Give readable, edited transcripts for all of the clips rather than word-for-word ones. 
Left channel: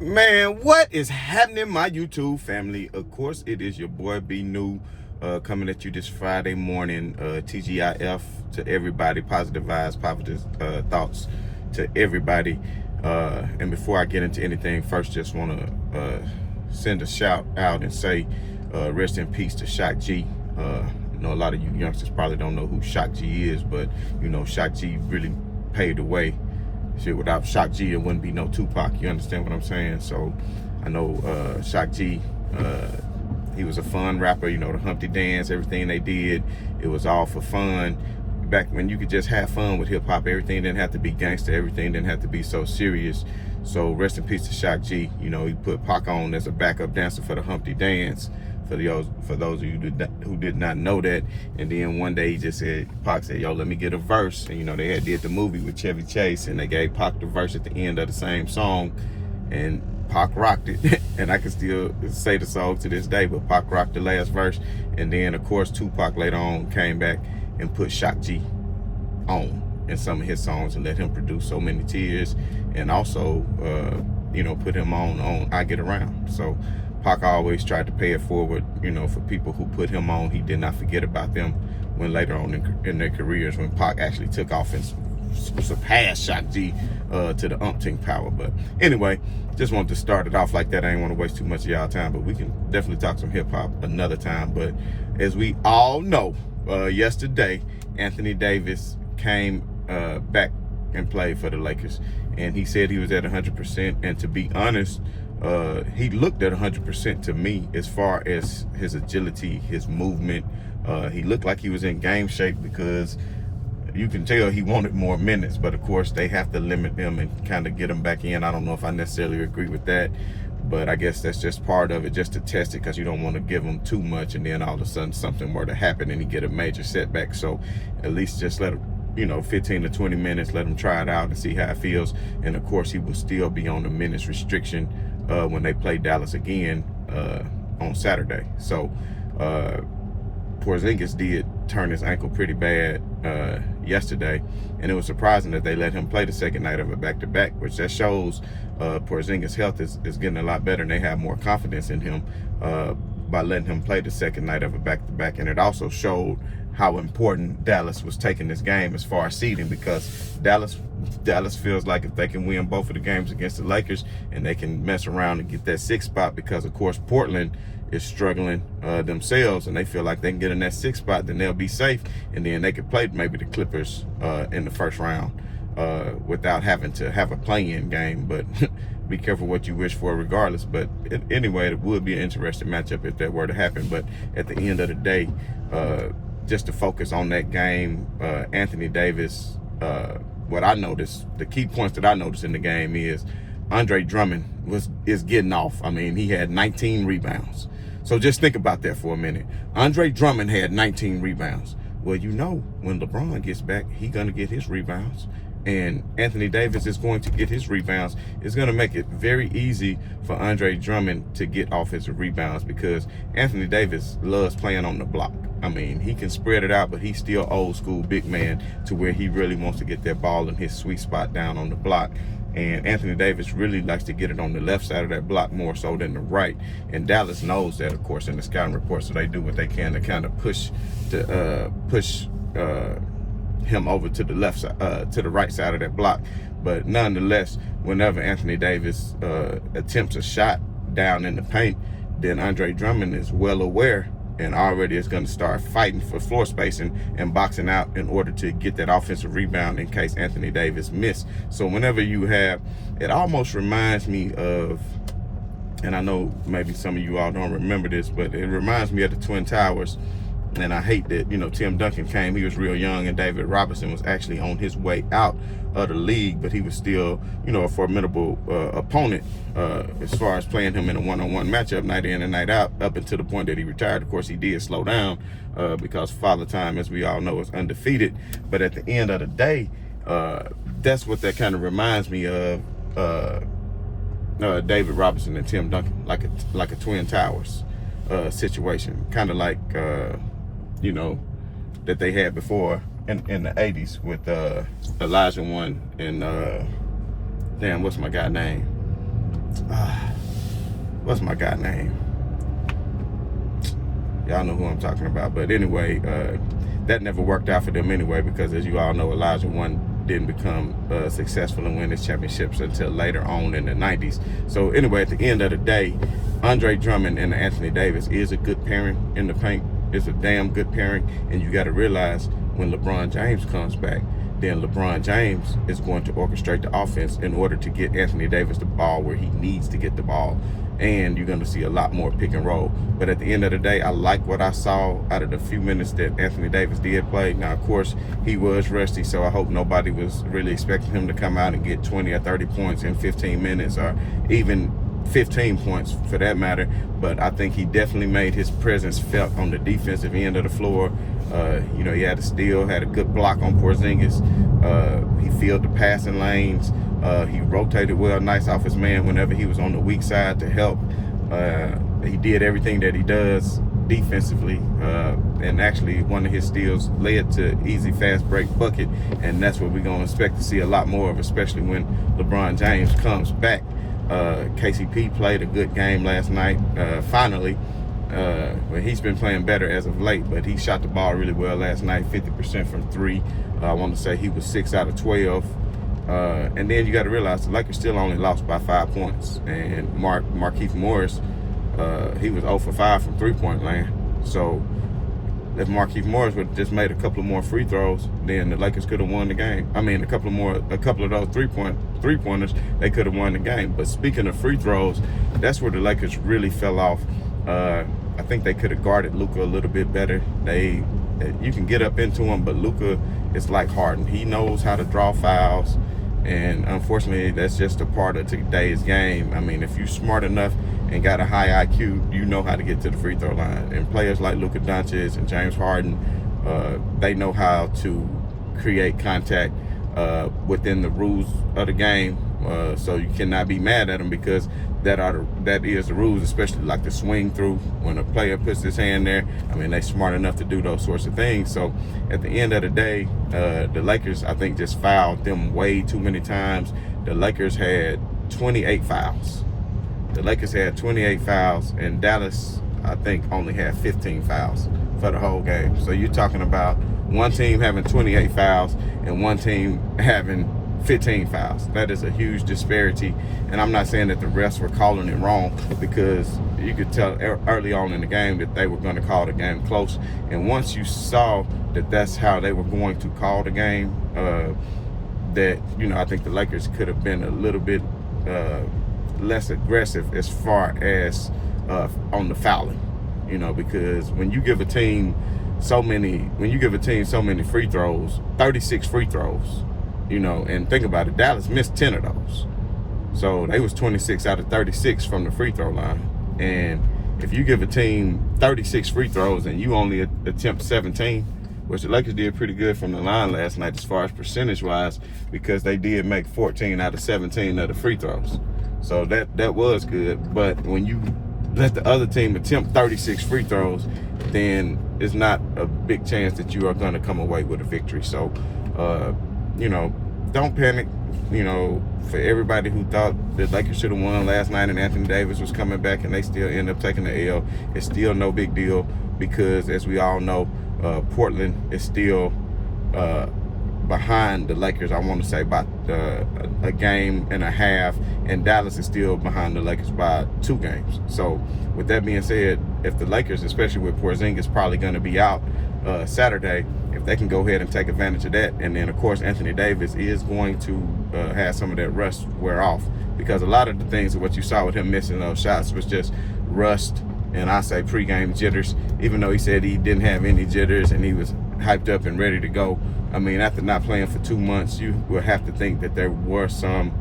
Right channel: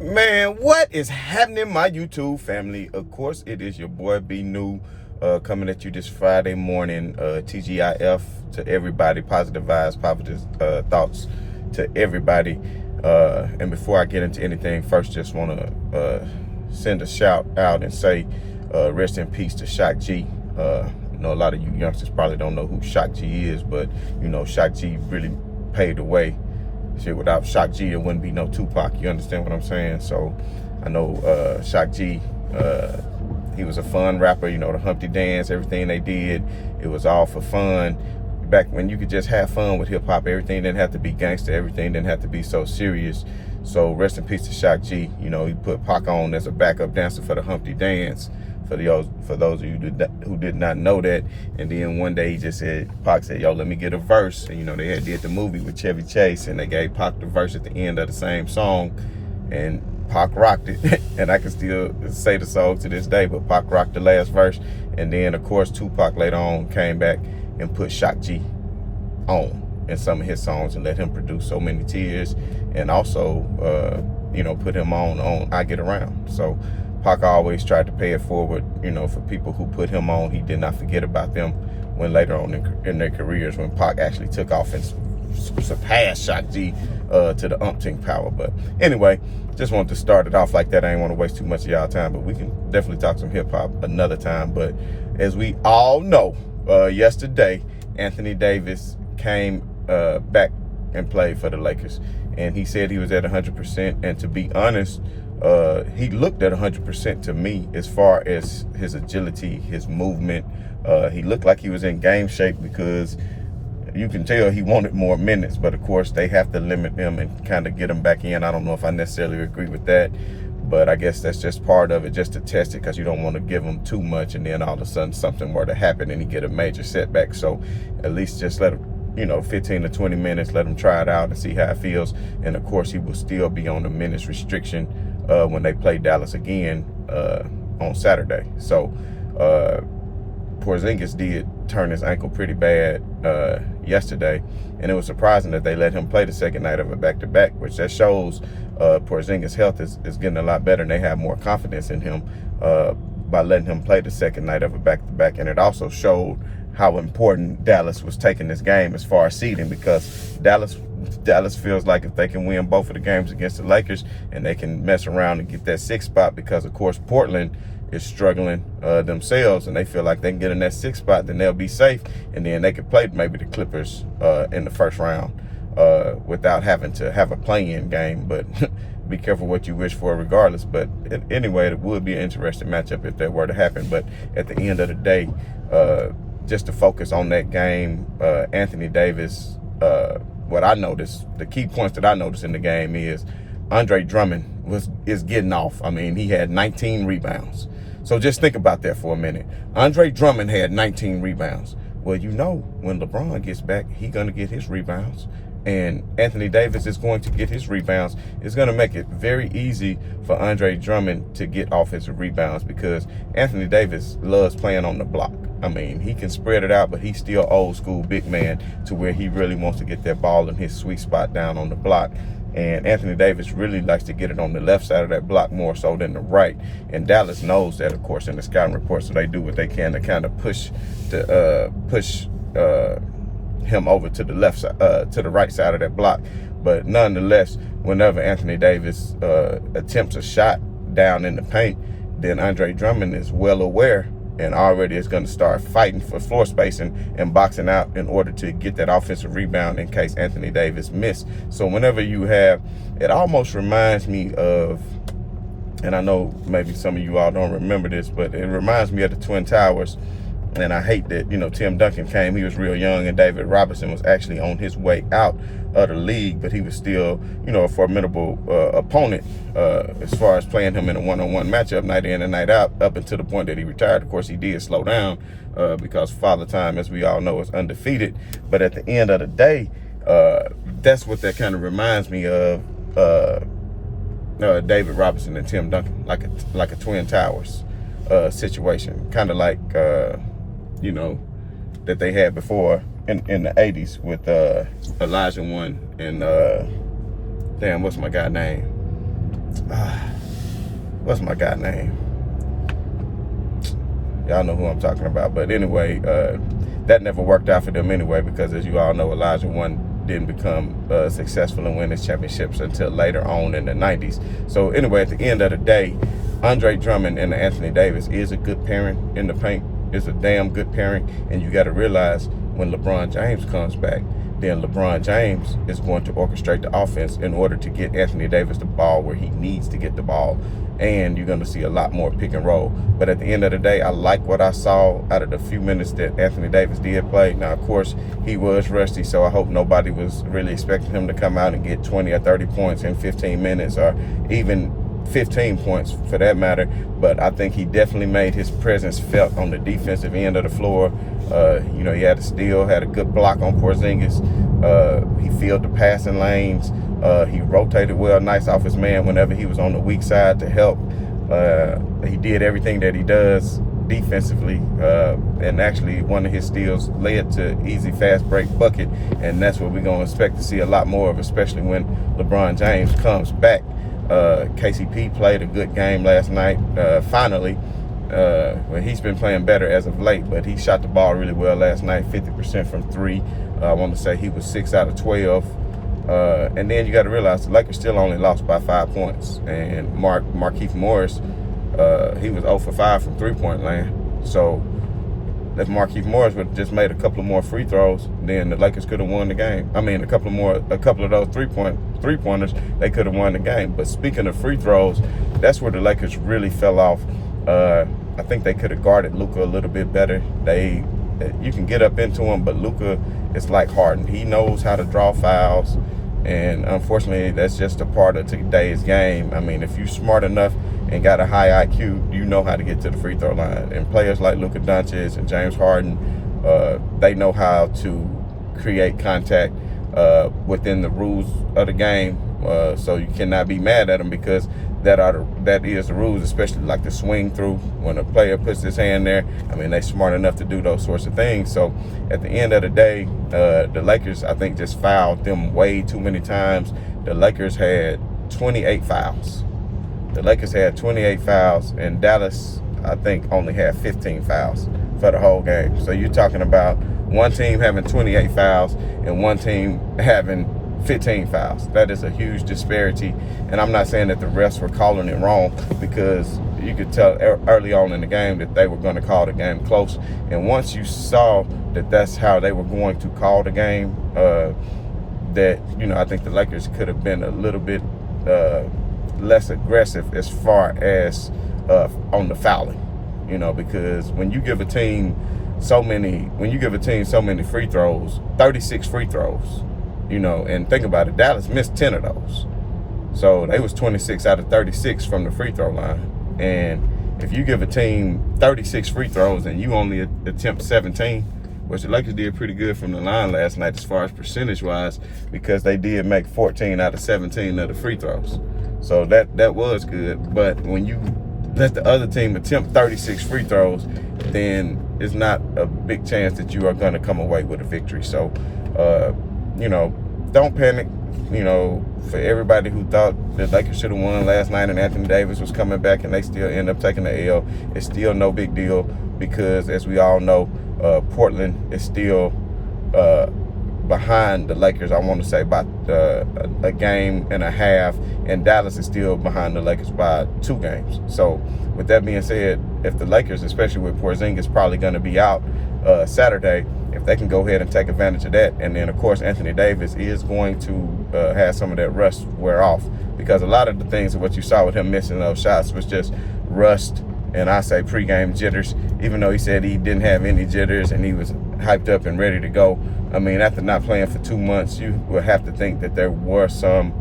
Man, what is happening, my YouTube family? Of course, it is your boy B New coming at you this Friday morning. TGIF to everybody, positive vibes, positive thoughts to everybody. And before I get into anything, first just want to send a shout out and say rest in peace to Shock G. I know a lot of you youngsters probably don't know who Shock G is, but you know Shock G really paved the way. Shit, without Shock G, it wouldn't be no Tupac. You understand what I'm saying? So I know Shock G, he was a fun rapper. You know, the Humpty Dance, everything they did, it was all for fun. Back when you could just have fun with hip hop, everything didn't have to be gangster, everything didn't have to be so serious. So rest in peace to Shock G. You know, he put Pac on as a backup dancer for the Humpty Dance. For those of you who did not know that. And then one day he just said, Pac said, yo, let me get a verse. And you know, they had did the movie with Chevy Chase and they gave Pac the verse at the end of the same song. And Pac rocked it. And I can still say the song to this day, but Pac rocked the last verse. And then of course Tupac later on came back and put Shock G on in some of his songs and let him produce So Many Tears. And also, you know, put him on I Get Around. So Pac always tried to pay it forward, you know, for people who put him on. He did not forget about them when later on in their careers, when Pac actually took off and surpassed Shock G to the umpteenth power. But anyway, just wanted to start it off like that. I ain't want to waste too much of y'all time, but we can definitely talk some hip hop another time. But as we all know, yesterday, Anthony Davis came back and played for the Lakers. And he said he was at 100%. And to be honest, he looked at 100% to me as far as his agility, his movement. He looked like he was in game shape because you can tell he wanted more minutes. But of course, they have to limit him and kind of get him back in. I don't know if I necessarily agree with that, but I guess that's just part of it, just to test it, because you don't want to give him too much and then all of a sudden something were to happen and he get a major setback. So at least just let him, you know, 15 to 20 minutes, let him try it out and see how it feels. And of course, he will still be on the minutes restriction when they play Dallas again on Saturday. So Porzingis did turn his ankle pretty bad yesterday, and it was surprising that they let him play the second night of a back-to-back, which that shows Porzingis' health is getting a lot better, and they have more confidence in him by letting him play the second night of a back-to-back. And it also showed how important Dallas was taking this game as far as seeding, because Dallas feels like if they can win both of the games against the Lakers and they can mess around and get that 6th spot, because of course Portland is struggling themselves and they feel like they can get in that 6th spot, then they'll be safe, and then they could play maybe the Clippers in the first round without having to have a play-in game. But be careful what you wish for regardless. But anyway, it would be an interesting matchup if that were to happen. But at the end of the day, just to focus on that game, Anthony Davis, what I noticed, the key points that I noticed in the game is Andre Drummond is getting off. I mean, he had 19 rebounds. So just think about that for a minute. Andre Drummond had 19 rebounds. Well, you know, when LeBron gets back, he's going to get his rebounds. And Anthony Davis is going to get his rebounds. It's going to make it very easy for Andre Drummond to get off his rebounds, because Anthony Davis loves playing on the block. I mean, he can spread it out, but he's still old school big man to where he really wants to get that ball in his sweet spot down on the block. And Anthony Davis really likes to get it on the left side of that block more so than the right. And Dallas knows that, of course, in the scouting report, so they do what they can to kind of push him over to the left side, to the right side of that block. But nonetheless, whenever Anthony Davis attempts a shot down in the paint, then Andre Drummond is well aware and already is going to start fighting for floor spacing and boxing out in order to get that offensive rebound in case Anthony Davis missed. So whenever you have, it almost reminds me of, and I know maybe some of you all don't remember this, but it reminds me of the Twin Towers. And I hate that, you know, Tim Duncan came, he was real young, and David Robinson was actually on his way out of the league, but he was still, you know, a formidable opponent as far as playing him in a one-on-one matchup night in and night out, up until the point that he retired. Of course, he did slow down because Father Time, as we all know, is undefeated. But at the end of the day, that's what that kind of reminds me of, David Robinson and Tim Duncan, like a Twin Towers situation, kind of like you know, that they had before in the 80s with Elijah One and damn, what's my guy name? what's my guy name? Y'all know who I'm talking about. But anyway, that never worked out for them anyway, because as you all know, Elijah One didn't become successful and win his championships until later on in the 90s. So anyway, at the end of the day, Andre Drummond and Anthony Davis is a good pairing in the paint. It's a damn good pairing. And you got to realize when LeBron James comes back, then LeBron James is going to orchestrate the offense in order to get Anthony Davis the ball where he needs to get the ball. And you're going to see a lot more pick and roll. But at the end of the day, I like what I saw out of the few minutes that Anthony Davis did play. Now, of course, he was rusty, so I hope nobody was really expecting him to come out and get 20 or 30 points in 15 minutes, or even 15 points for that matter. But I think he definitely made his presence felt on the defensive end of the floor. You know, he had a steal, had a good block on Porzingis. He filled the passing lanes. He rotated well, nice off his man whenever he was on the weak side to help. He did everything that he does defensively, and actually one of his steals led to easy fast break bucket, and that's what we're going to expect to see a lot more of, especially when LeBron James comes back. KCP played a good game last night, finally. Well, he's been playing better as of late, but he shot the ball really well last night, 50% from three. I want to say he was 6 out of 12. And then you got to realize the Lakers still only lost by 5 points. And Markieff Morris, he was 0 for 5 from three-point land. So if Markieff Morris would have just made a couple of more free throws, then the Lakers could have won the game. I mean, a couple of those three-pointers, they could have won the game. But speaking of free throws, that's where the Lakers really fell off. I think they could have guarded Luka a little bit better. You can get up into him, but Luka is like Harden. He knows how to draw fouls, and unfortunately, that's just a part of today's game. I mean, if you're smart enough and got a high IQ, you know how to get to the free throw line. And players like Luka Doncic and James Harden, they know how to create contact within the rules of the game. So you cannot be mad at them, because that is the rules, especially like the swing through when a player puts his hand there. I mean, they're smart enough to do those sorts of things. So at the end of the day, the Lakers, I think, just fouled them way too many times. The Lakers had 28 fouls. And Dallas, I think, only had 15 fouls for the whole game. So you're talking about one team having 28 fouls and one team having 15 fouls. That is a huge disparity. And I'm not saying that the refs were calling it wrong, because you could tell early on in the game that they were going to call the game close. And once you saw that that's how they were going to call the game, that, you know, I think the Lakers could have been a little bit less aggressive as far as on the fouling, you know, because when you give a team so many free throws, 36 free throws, you know, and think about it, Dallas missed 10 of those. So they was 26 out of 36 from the free throw line. And if you give a team 36 free throws and you only attempt 17, which the Lakers did pretty good from the line last night as far as percentage-wise, because they did make 14 out of 17 of the free throws. So that was good. But when you let the other team attempt 36 free throws, then it's not a big chance that you are going to come away with a victory. So, you know, don't panic. You know, for everybody who thought the Lakers should have won last night and Anthony Davis was coming back and they still end up taking the L, it's still no big deal, because as we all know, Portland is still behind the Lakers, I want to say, by a game and a half, and Dallas is still behind the Lakers by 2 games. So with that being said, if the Lakers, especially with Porzingis probably going to be out Saturday, if they can go ahead and take advantage of that, and then of course Anthony Davis is going to have some of that rust wear off, because a lot of the things of what you saw with him missing those shots was just rust, and I say pregame jitters, even though he said he didn't have any jitters and he was hyped up and ready to go. I mean, after not playing for 2 months, you will have to think that there were some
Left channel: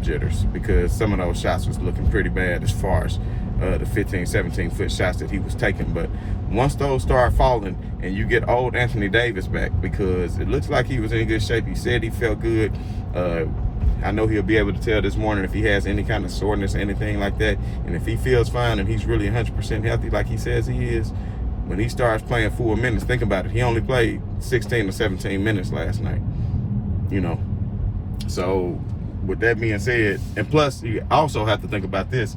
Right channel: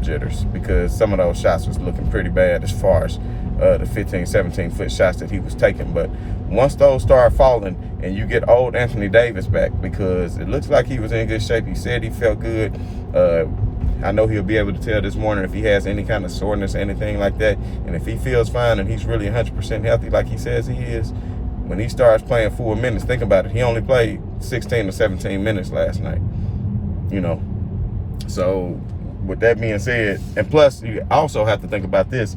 jitters, because some of those shots was looking pretty bad as far as the 15, 17-foot shots that he was taking. But once those start falling and you get old Anthony Davis back, because it looks like he was in good shape. He said he felt good. I know he'll be able to tell this morning if he has any kind of soreness or anything like that. And if he feels fine and he's really 100% healthy like he says he is, when he starts playing 4 minutes, think about it. He only played 16 or 17 minutes last night, you know. So with that being said, and plus you also have to think about this:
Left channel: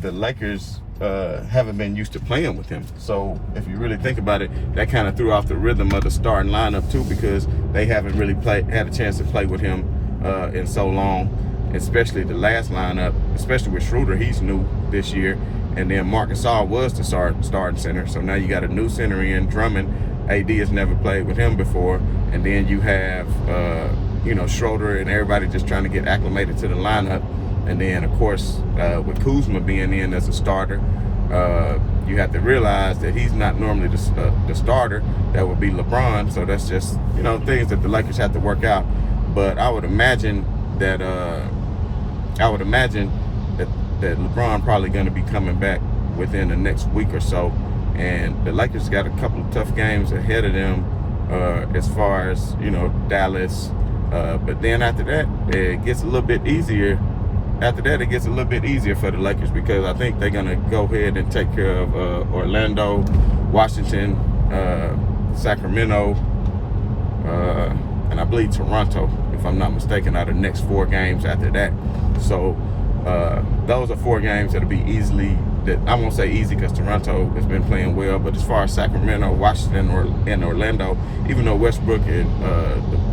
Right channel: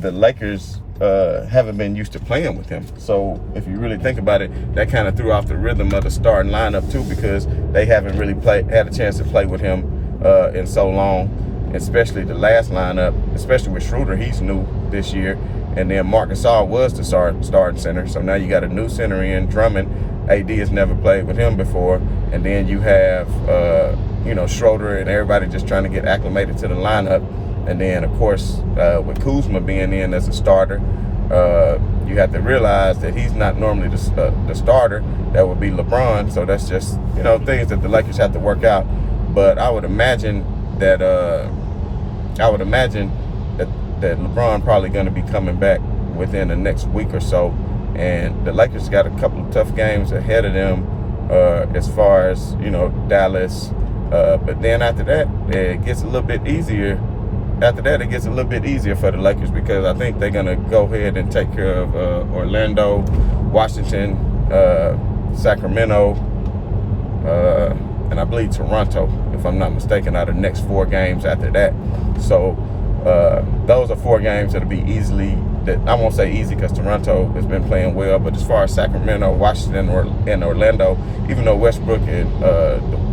the Lakers haven't been used to playing with him. So if you really think about it, that kind of threw off the rhythm of the starting lineup too, because they haven't really had a chance to play with him in so long, especially the last lineup, especially with Schroeder. He's new this year. And then Marc Gasol was the starting center. So now you got a new center in, Drummond. AD has never played with him before. And then you have, Schroeder and everybody just trying to get acclimated to the lineup. And then, of course, with Kuzma being in as a starter, you have to realize that he's not normally the starter. That would be LeBron. So that's just, things that the Lakers have to work out. But I would imagine that that LeBron probably going to be coming back within the next week or so. And the Lakers got a couple of tough games ahead of them as far as, Dallas. But then after that, it gets a little bit easier. After that, it gets a little bit easier for the Lakers, because I think they're going to go ahead and take care of Orlando, Washington, Sacramento, and I believe Toronto, if I'm not mistaken, are the next 4 games after that. So those are 4 games that'll be I won't say easy because Toronto has been playing well, but as far as Sacramento, Washington, and Orlando, even though Westbrook and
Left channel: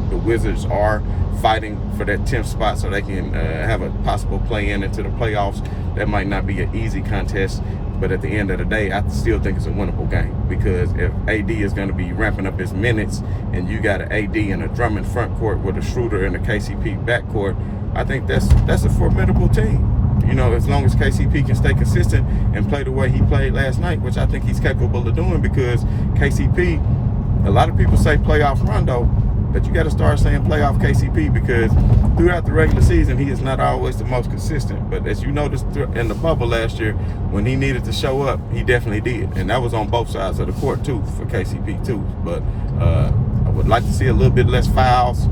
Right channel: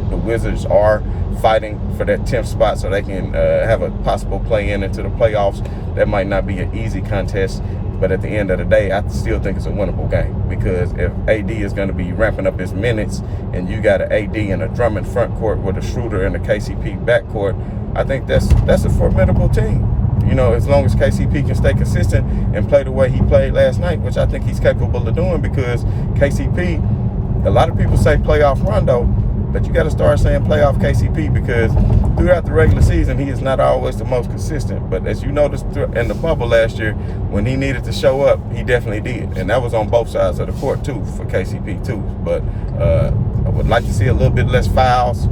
the Wizards are fighting for that 10th spot so they can have a possible play-in into the playoffs, that might not be an easy contest. But at the end of the day, I still think it's a winnable game, because if AD is going to be ramping up his minutes and you got an AD and a Drummond front court with a Schroeder and a KCP backcourt, I think that's a formidable team. As long as KCP can stay consistent and play the way he played last night, which I think he's capable of doing, because KCP, a lot of people say playoff Rondo, but you got to start saying playoff KCP, because throughout the regular season, he is not always the most consistent. But as you noticed in the bubble last year, when he needed to show up, he definitely did. And that was on both sides of the court, too, for KCP, too. But I would like to see a little bit less fouls.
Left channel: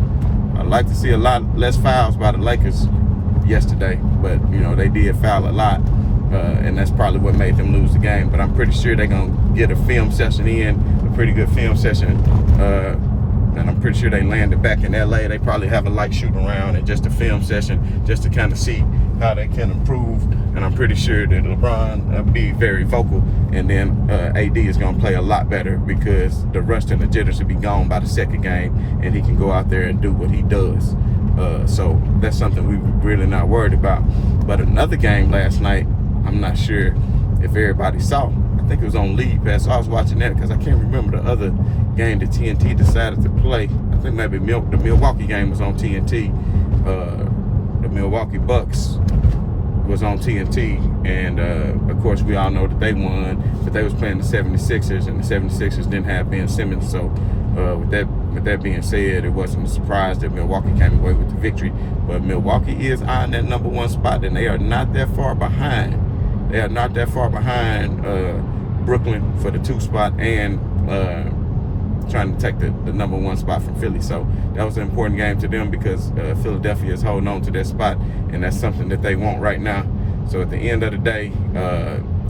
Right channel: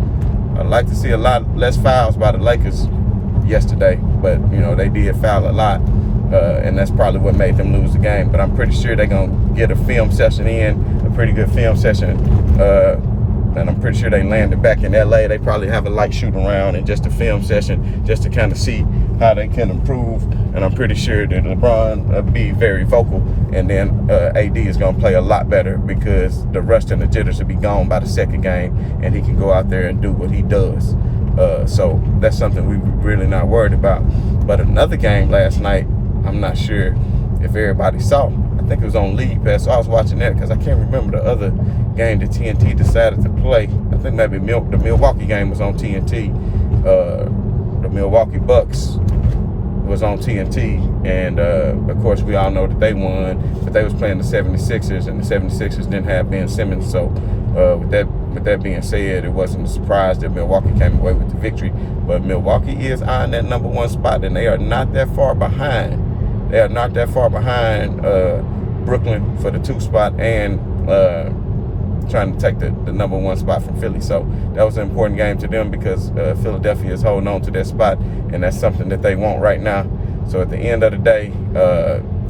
I'd like to see a lot less fouls by the Lakers yesterday. But, they did foul a lot. And that's probably what made them lose the game. But I'm pretty sure they're going to get a film session in, a pretty good film session. And I'm pretty sure they landed back in LA. They probably have a light shoot around and just a film session just to kind of see how they can improve. And I'm pretty sure that LeBron will be very vocal. And then AD is going to play a lot better, because the rust and the jitters will be gone by the second game. And he can go out there and do what he does. So that's something we're really not worried about. But another game last night, I'm not sure if everybody saw. I think it was on League Pass, so I was watching that because I can't remember the other game that TNT decided to play. I think maybe the Milwaukee game was on TNT. The Milwaukee Bucks was on TNT, and of course we all know that they won, but they was playing the 76ers, and the 76ers didn't have Ben Simmons. So with that being said, it wasn't a surprise that Milwaukee came away with the victory. But Milwaukee is eyeing that number 1 spot, and they are not that far behind. They are not that far behind Brooklyn for the 2 spot, and trying to take the number 1 spot from Philly. So that was an important game to them, because Philadelphia is holding on to that spot, and that's something that they want right now. So at the end of the day,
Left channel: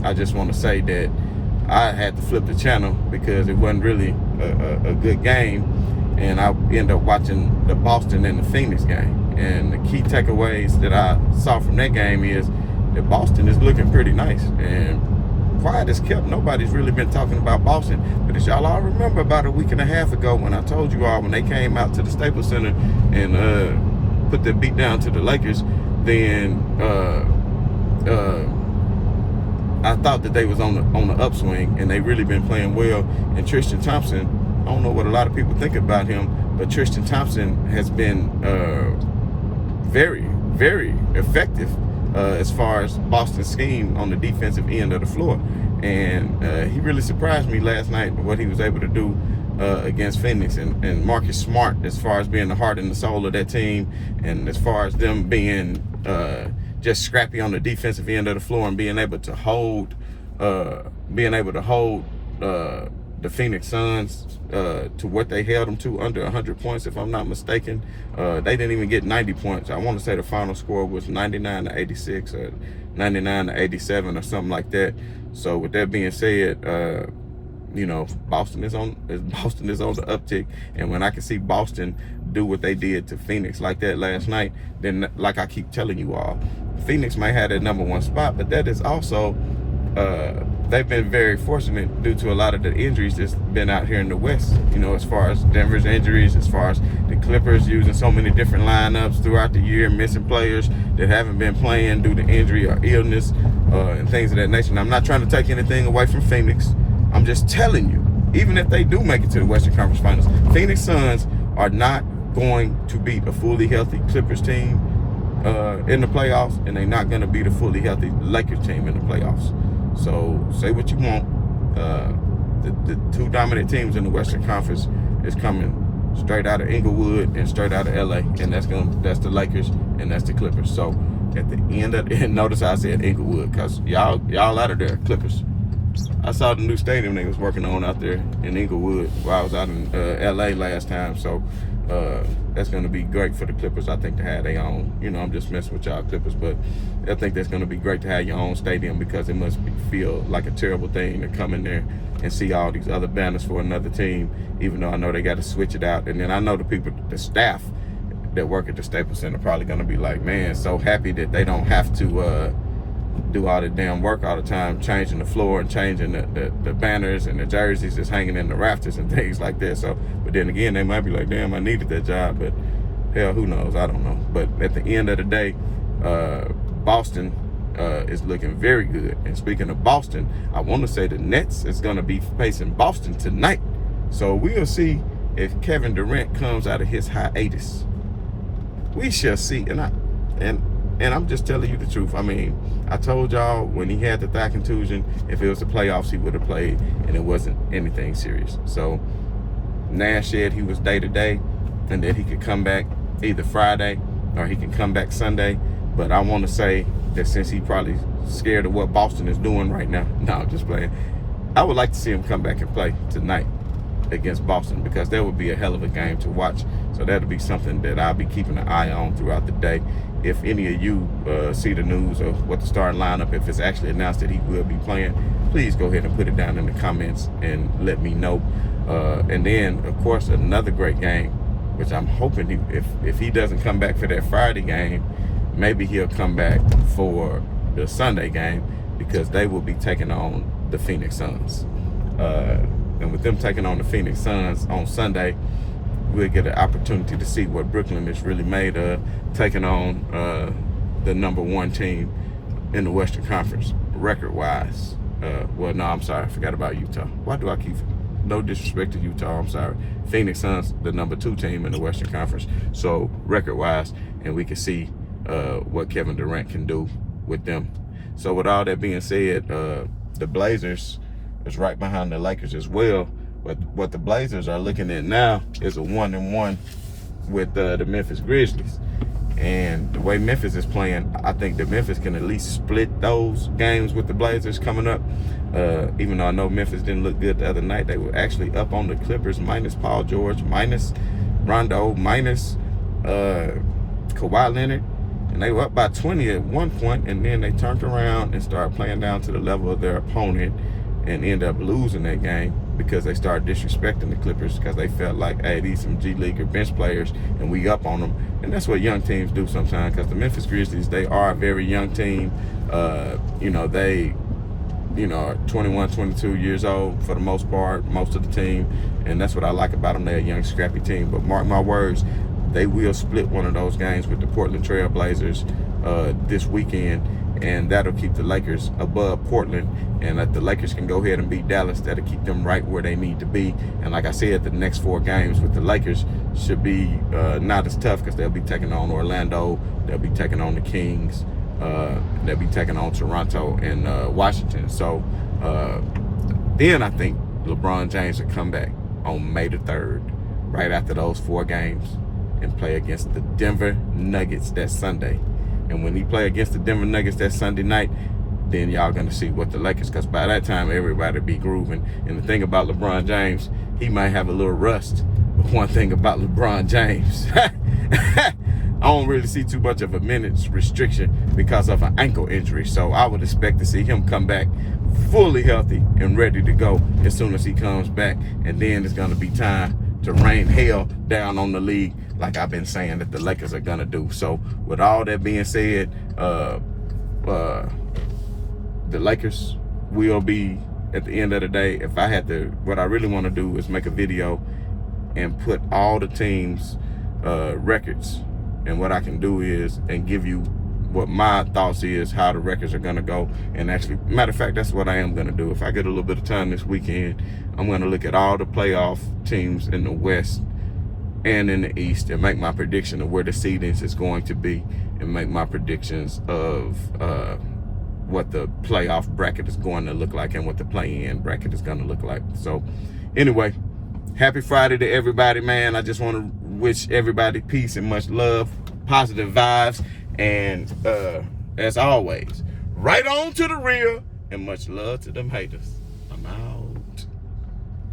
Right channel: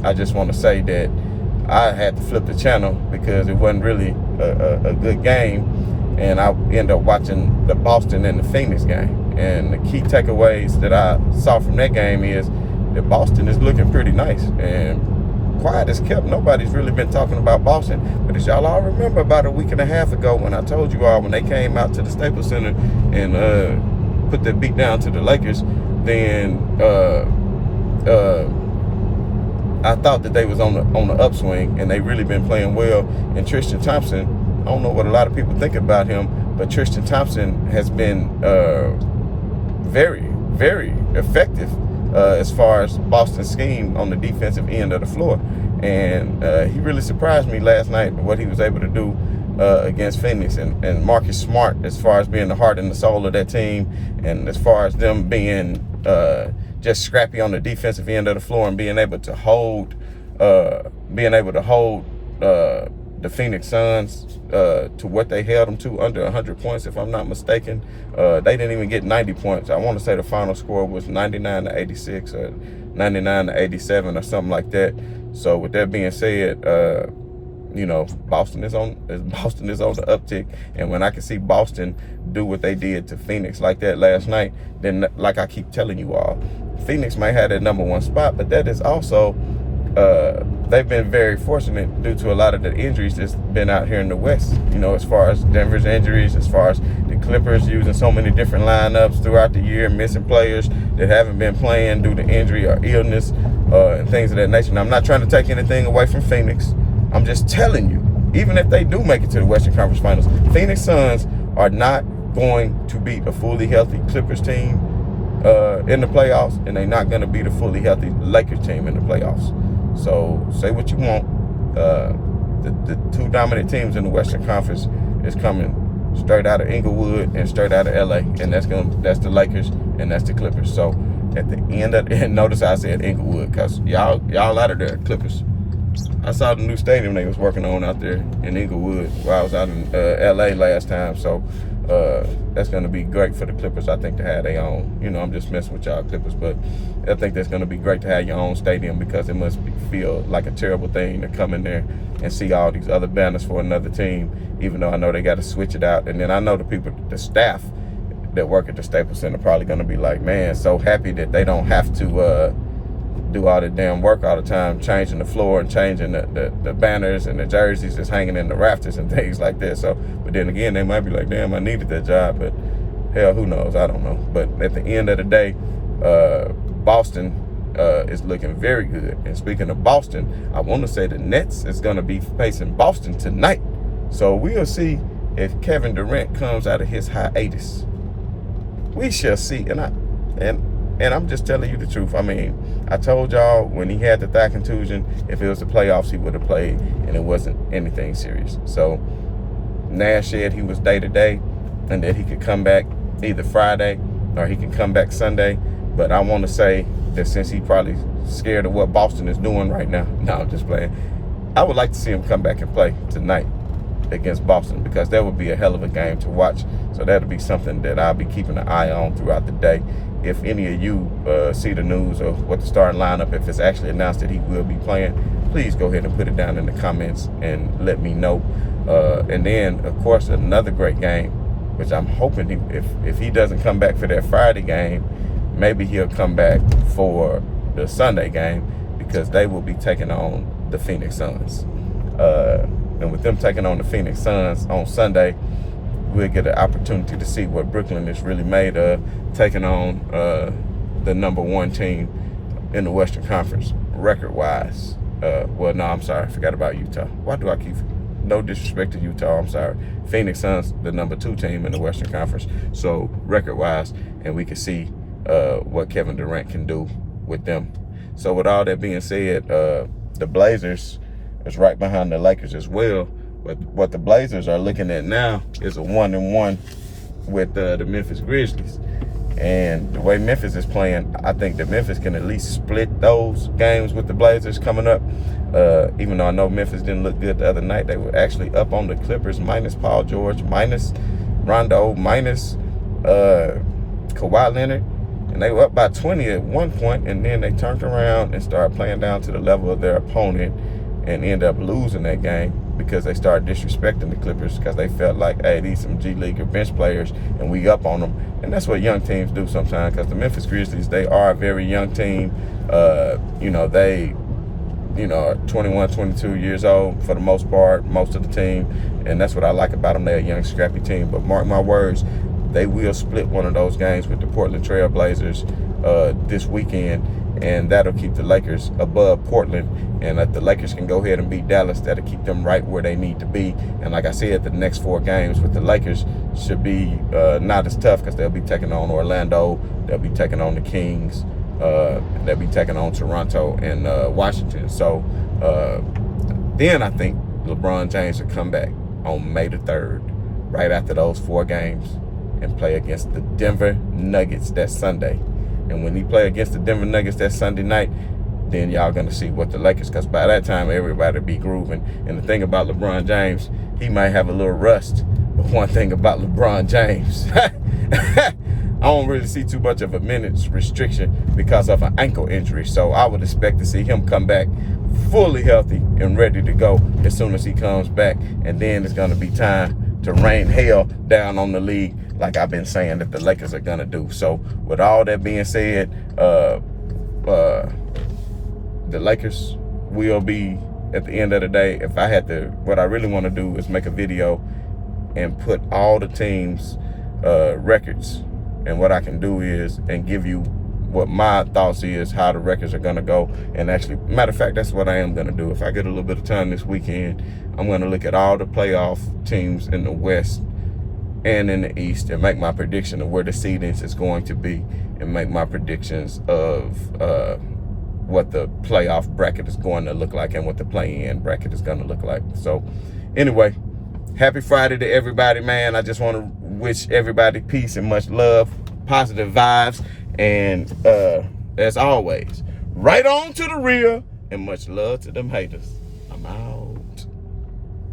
I just want to say that I had to flip the channel because it wasn't really a good game, and I ended up watching the Boston and the Phoenix game. And the key takeaways that I saw from that game is that Boston is looking pretty nice, and quiet as kept. Nobody's really been talking about Boston. But as y'all all remember, about a week and a half ago, when I told you all, when they came out to the Staples Center and put that beat down to the Lakers, then I thought that they was on the upswing, and they really been playing well. And Tristan Thompson, I don't know what a lot of people think about him, but Tristan Thompson has been very, very effective as far as Boston's scheme on the defensive end of the floor. And he really surprised me last night, what he was able to do against Phoenix. And Marcus Smart, as far as being the heart and the soul of that team, and as far as them being just scrappy on the defensive end of the floor, and being able to hold the Phoenix Suns to what they held them to, under 100 points, if I'm not mistaken. They didn't even get 90 points. I want to say the final score was 99-86 or 99-87 or something like that. So with that being said, Boston is on the uptick, and when I can see Boston do what they did to Phoenix like that last night, then like I keep telling you all, Phoenix may have that #1 spot, but that is also they've been very fortunate due to a lot of the injuries that's been out here in the West. As far as Denver's injuries, as far as the Clippers using so many different lineups throughout the year, missing players that haven't been playing due to injury or illness and things of that nature. Now, I'm not trying to take anything away from Phoenix. I'm just telling you, even if they do make it to the Western Conference Finals, Phoenix Suns are not going to beat a fully healthy Clippers team in the playoffs, and they're not going to beat a fully healthy Lakers team in the playoffs. So say what you want. The two dominant teams in the Western Conference is coming straight out of Inglewood and straight out of LA, and that's the Lakers and that's the Clippers. So at the end of and notice I said Inglewood because y'all out of there, Clippers. I saw the new stadium they was working on out there in Inglewood while I was out in LA last time. So that's going to be great for the Clippers, I think, to have their own. I'm just messing with y'all Clippers, but I think that's going to be great to have your own stadium because it must feel like a terrible thing to come in there and see all these other banners for another team, even though I know they got to switch it out. And then I know the staff that work at the Staples Center probably going to be like, man, so happy that they don't have to do all the damn work all the time, changing the floor and changing the banners and the jerseys that's hanging in the rafters and things like that. So, but then again, they might be like, damn, I needed that job, but hell, who knows? I don't know. But at the end of the day, Boston is looking very good. And speaking of Boston, I want to say the Nets is going to be facing Boston tonight. So we'll see if Kevin Durant comes out of his hiatus. We shall see. And I'm just telling you the truth. I mean, I told y'all when he had the thigh contusion, if it was the playoffs, he would have played, and it wasn't anything serious. So Nash said he was day-to-day and that he could come back either Friday or he can come back Sunday. But I want to say that since he probably scared of what Boston is doing right now, no, I'm just playing, I would like to see him come back and play tonight against Boston because that would be a hell of a game to watch. So that'll be something that I'll be keeping an eye on throughout the day. If any of you see the news or what the starting lineup, if it's actually announced that he will be playing, please go ahead and put it down in the comments and let me know. And then, of course, another great game, which I'm hoping if he doesn't come back for that Friday game, maybe he'll come back for the Sunday game because they will be taking on the Phoenix Suns. And with them taking on the Phoenix Suns on Sunday, we'll get an opportunity to see what Brooklyn is really made of, taking on the #1 team in the Western Conference record-wise. Well, no, I'm sorry. I forgot about Utah. Why do I keep... No disrespect to Utah, I'm sorry. Phoenix Suns, the #2 team in the Western Conference. So, record-wise, and we can see what Kevin Durant can do with them. So, with all that being said, the Blazers is right behind the Lakers as well. But what the Blazers are looking at now is a 1-1 with the Memphis Grizzlies. And the way Memphis is playing, I think that Memphis can at least split those games with the Blazers coming up. Even though I know Memphis didn't look good the other night, they were actually up on the Clippers minus Paul George, minus Rondo, minus Kawhi Leonard. And they were up by 20 at one point, and then they turned around and started playing down to the level of their opponent and end up losing that game because they started disrespecting the Clippers because they felt like, hey, these some G League or bench players and we up on them. And that's what young teams do sometimes because the Memphis Grizzlies, they are a very young team. They are 21, 22 years old for the most part, most of the team. And that's what I like about them. They're a young, scrappy team. But mark my words, they will split one of those games with the Portland Trail Blazers this weekend. And that'll keep the Lakers above Portland. And if the Lakers can go ahead and beat Dallas, that'll keep them right where they need to be. And like I said, the next 4 games with the Lakers should be not as tough because they'll be taking on Orlando, they'll be taking on the Kings, they'll be taking on Toronto and Washington. So then I think LeBron James will come back on May the 3rd, right after those 4 games, and play against the Denver Nuggets that Sunday. And when he play against the Denver Nuggets that Sunday night, then y'all going to see what the Lakers, because by that time, everybody be grooving. And the thing about LeBron James, he might have a little rust. But one thing about LeBron James, don't really see too much of a minutes restriction because of an ankle injury. So I would expect to see him come back fully healthy and ready to go as soon as he comes back. And then it's going to be time to rain hell down on the league, like I've been saying that the Lakers are going to do. So with all that being said, the Lakers will be, at the end of the day, if I had to, what I really want to do is make a video and put all the teams' records. And what I can do is, and give you what my thoughts is, how the records are going to go. And actually, matter of fact, that's what I am going to do. If I get a little bit of time this weekend, I'm going to look at all the playoff teams in the West and in the East and make my prediction of where the seedings is going to be, and make my predictions of what the playoff bracket is going to look like and what the play-in bracket is going to look like. So anyway, happy Friday to everybody, man. I just want to wish everybody peace and much love, positive vibes, and as always, right on to the real, and much love to them haters. I'm out.